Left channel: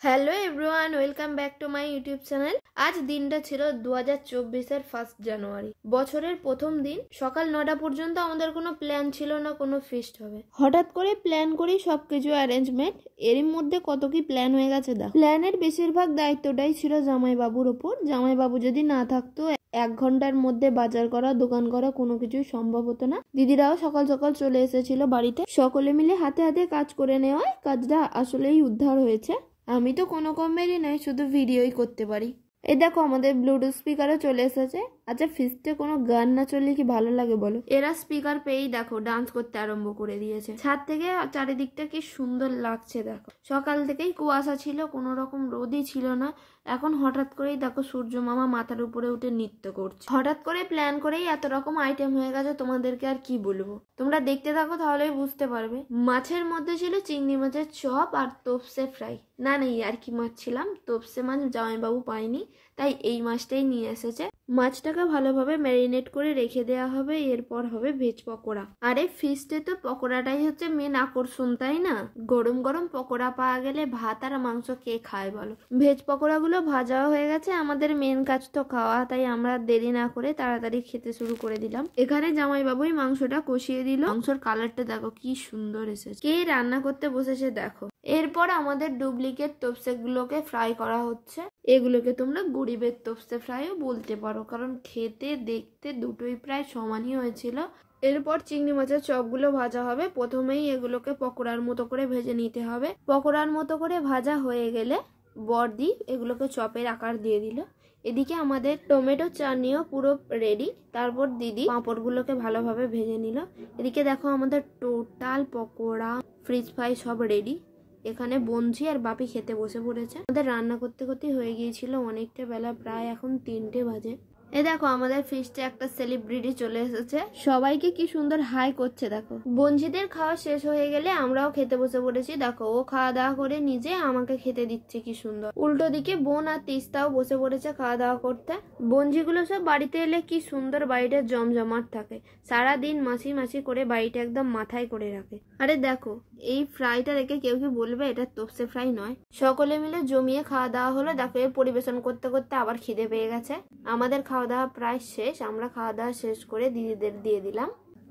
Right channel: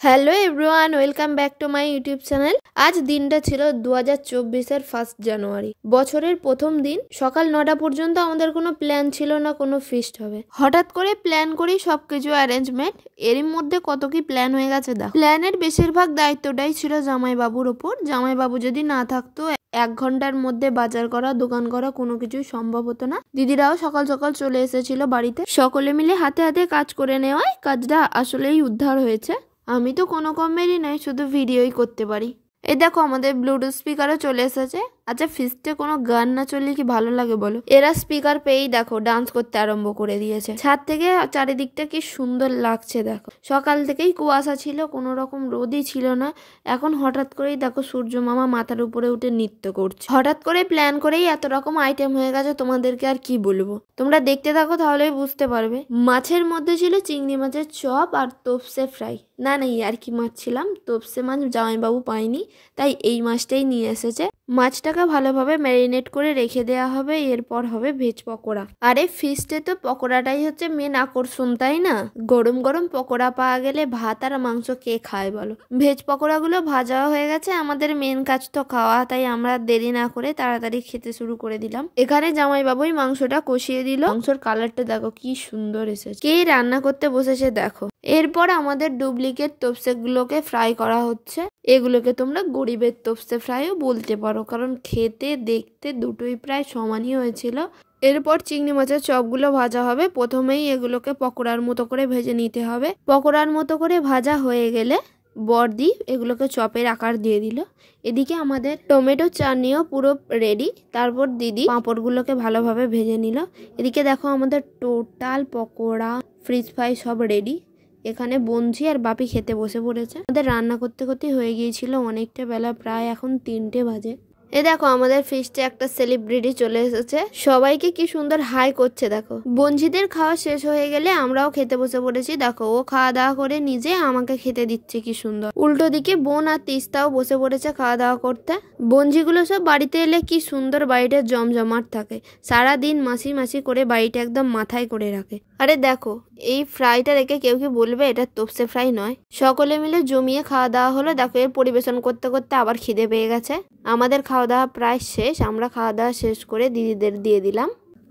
Hello everyone, welcome back to my YouTube channel. আজ দিনটা ছিল 2024-এর 1 জানুয়ারি, বছরের প্রথম দিন। সকাল 9টা পর্যন্ত আমাদের কোনো প্ল্যান ছিল না কোনো ফিস্ট হবে। হঠাৎ করে প্ল্যান করি সবকিছু অ্যারেঞ্জমেন্ট, এরই মধ্যে কত কি প্ল্যান হয়ে গেছে। প্ল্যানের বেশিরভাগ দায়িত্বটাই ছিল জামাইবাবুর ওপর। জামাইবাবু যদি না থাকতো 1 ঘন্টার মধ্যে বাজার করা, দোকান করা কোনো কিছুই সম্ভব হতো না। দিদিরাও সকাল সকাল চলে এসেছিল বাড়িতে, সকলে মিলে হাতে হাতে কাজ করে নেওয়ায় কাজটা আসলেই উদ্ধার হয়েছে। আমি তো কোনো কমেরই নয়, শুধু ভিডিওই করতে পারি। এই দেখো আমাদের ব্লুটুথ স্পিকারও চলে এসেছে। আচ্ছা, ফিস্টে কোনো গান না চললে কি ভালো লাগে বলো? এরা স্পিকার পেয়েই দেখো ডান্স করতে আরম্ভ করে দিয়েছে। ছাদ থেকে চারিদিকটা কি সুন্দর লাগছে দেখো। সকাল থেকেই কুয়াশা ছিল, কোনো রকম রোদই ছিল না। এখন হঠাৎ করেই দেখো সূর্য মামা মাথার উপরে উঠে নৃত্য করছে। হঠাৎ করে প্ল্যান করেই এত রকম আইটেম হয়ে গেছে, তোমাদেরকে আর কি বলবো। তোমরা দেখতে থাকো তাহলেই বুঝতে পারবে। মাছের মধ্যে ছিল চিংড়ি মাছের চপ আর তোপসে ফ্রাই। না আর কি মাছ ছিলাম, তোপসে মাছ জামাইবাবু পায়নি, তাই এই মাছটাই নিয়ে এসেছে। মাছটাকে ভালোভাবে ম্যারিনেট করে রেখে দেওয়া হবে, এরপর হবে ভেজ পকোড়া। আরে ফিস্টে তো পকোড়াটাই হচ্ছে মেন আকর্ষণ, তাই না? গরম গরম পকোড়া পাওয়া গেলে ভাত আর মাংস কে খায় বলো? ভেজ পকোড়াগুলো ভাজা হয়ে গেছে, আমাদের মেন কাজ তো খাওয়া, তাই আমরা দেরি না করে তাড়াতাড়ি খেতে শুরু করে দিলাম। এখানে জামাইবাবুই মাংসটা কষিয়ে দিল। মাংসর কালারটা দেখো কি সুন্দর এসেছে। কে রান্না করতে বসেছে দেখো। এরপর আমাদের ডুপ্লিকেট তোপসে গুলোকে ফ্রাই করা হচ্ছে। এগুলোকে তোমরা গরিবের তোপসে ফ্রাইও বলতে পারো, কারণ খেতে দেখতে দুটোই প্রায় সমানই হয়েছিল। এরপর চিংড়ি মাছের চপগুলো ভাজা হবে। প্রথমেই এগুলোকে পকোড়ার মতো করে ভেজে নিতে হবে। পকোড়ার মতো করে ভাজা হয়ে গেলে বড়দি এগুলোকে চপের আকার দিয়ে দিল। এদিকে আমাদের টমেটো চাটনিও পুরো রেডি। তারপর দিদি পাঁপড়গুলোকে ভালোভাবে ভেজে নিল। এদিকে দেখো আমাদের টোটাল পকোড়া, ফ্রিজ ফ্রাই সব রেডি। এখানে বঞ্জি আর বাপি খেতে বসে পড়েছে। আমাদের রান্না করতে করতে হয়ে গিয়েছিল অনেকটা বেলা, প্রায় এখন 3টে বাজে। এ দেখো আমাদের ফিস্টে একটা সেলিব্রিটি চলে এসেছে, সবাইকে কি সুন্দর হাই করছে দেখো। বঞ্জিদের খাওয়া শেষ হয়ে গেলে আমরাও খেতে বসে পড়েছি। দেখো ও খাওয়া দাওয়া করে নিজে আমাকে খেতে দিচ্ছে, কি সুন্দর। উল্টো দিকে বোন আর তিস্তাও বসে পড়েছে খাওয়া দাওয়া করতে। বঞ্জিগুলো সব বাড়িতে এলে কি সুন্দর বাড়িটা জমজমাট থাকে। সারাদিন মাসি মাসি করে বাড়িটা একদম মাথায় করে রাখে। আরে দেখো এই ফ্রাইটা রেখে কেউ কি বলবে এটা তোপসে ফ্রাই নয়? সকলে মিলে জমিয়ে খাওয়া দাওয়া হলো। দেখো এর পরিবেশন করতে করতে আবার খিদে পেয়ে গেছে। আমাদের খাওয়া দাওয়া প্রায় শেষ। আমরা খাওয়া দাওয়া শেষ করে দিদিদের দিয়ে দিলাম।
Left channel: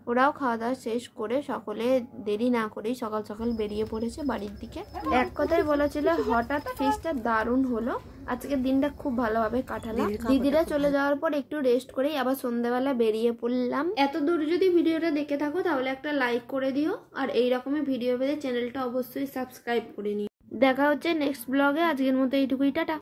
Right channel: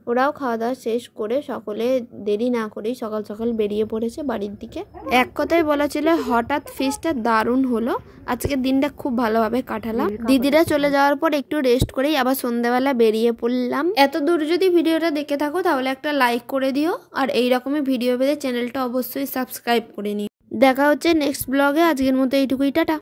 ওরাও খাওয়া দাওয়া শেষ করে সকলে দেরি না করেই সকাল সকাল বেরিয়ে পড়েছে বাড়ির দিকে। এক কথায় বলা ছিল হঠাৎ ফিস্টটা দারুণ হলো। আজকের দিনটা খুব ভালোভাবে কাটালাম। দিদিরা চলে যাওয়ার পর একটু রেস্ট করেই আবার সন্ধ্যাবেলা বেরিয়ে পড়লাম। এত দূর যদি ভিডিওটা দেখে থাকো তাহলে একটা লাইক করে দিও, আর এইরকমই ভিডিও পেতে চ্যানেলটা অবশ্যই সাবস্ক্রাইব করে নিও। দেখা হচ্ছে নেক্সট ব্লগে। আজকের মতো এইটুকুই, টাটা।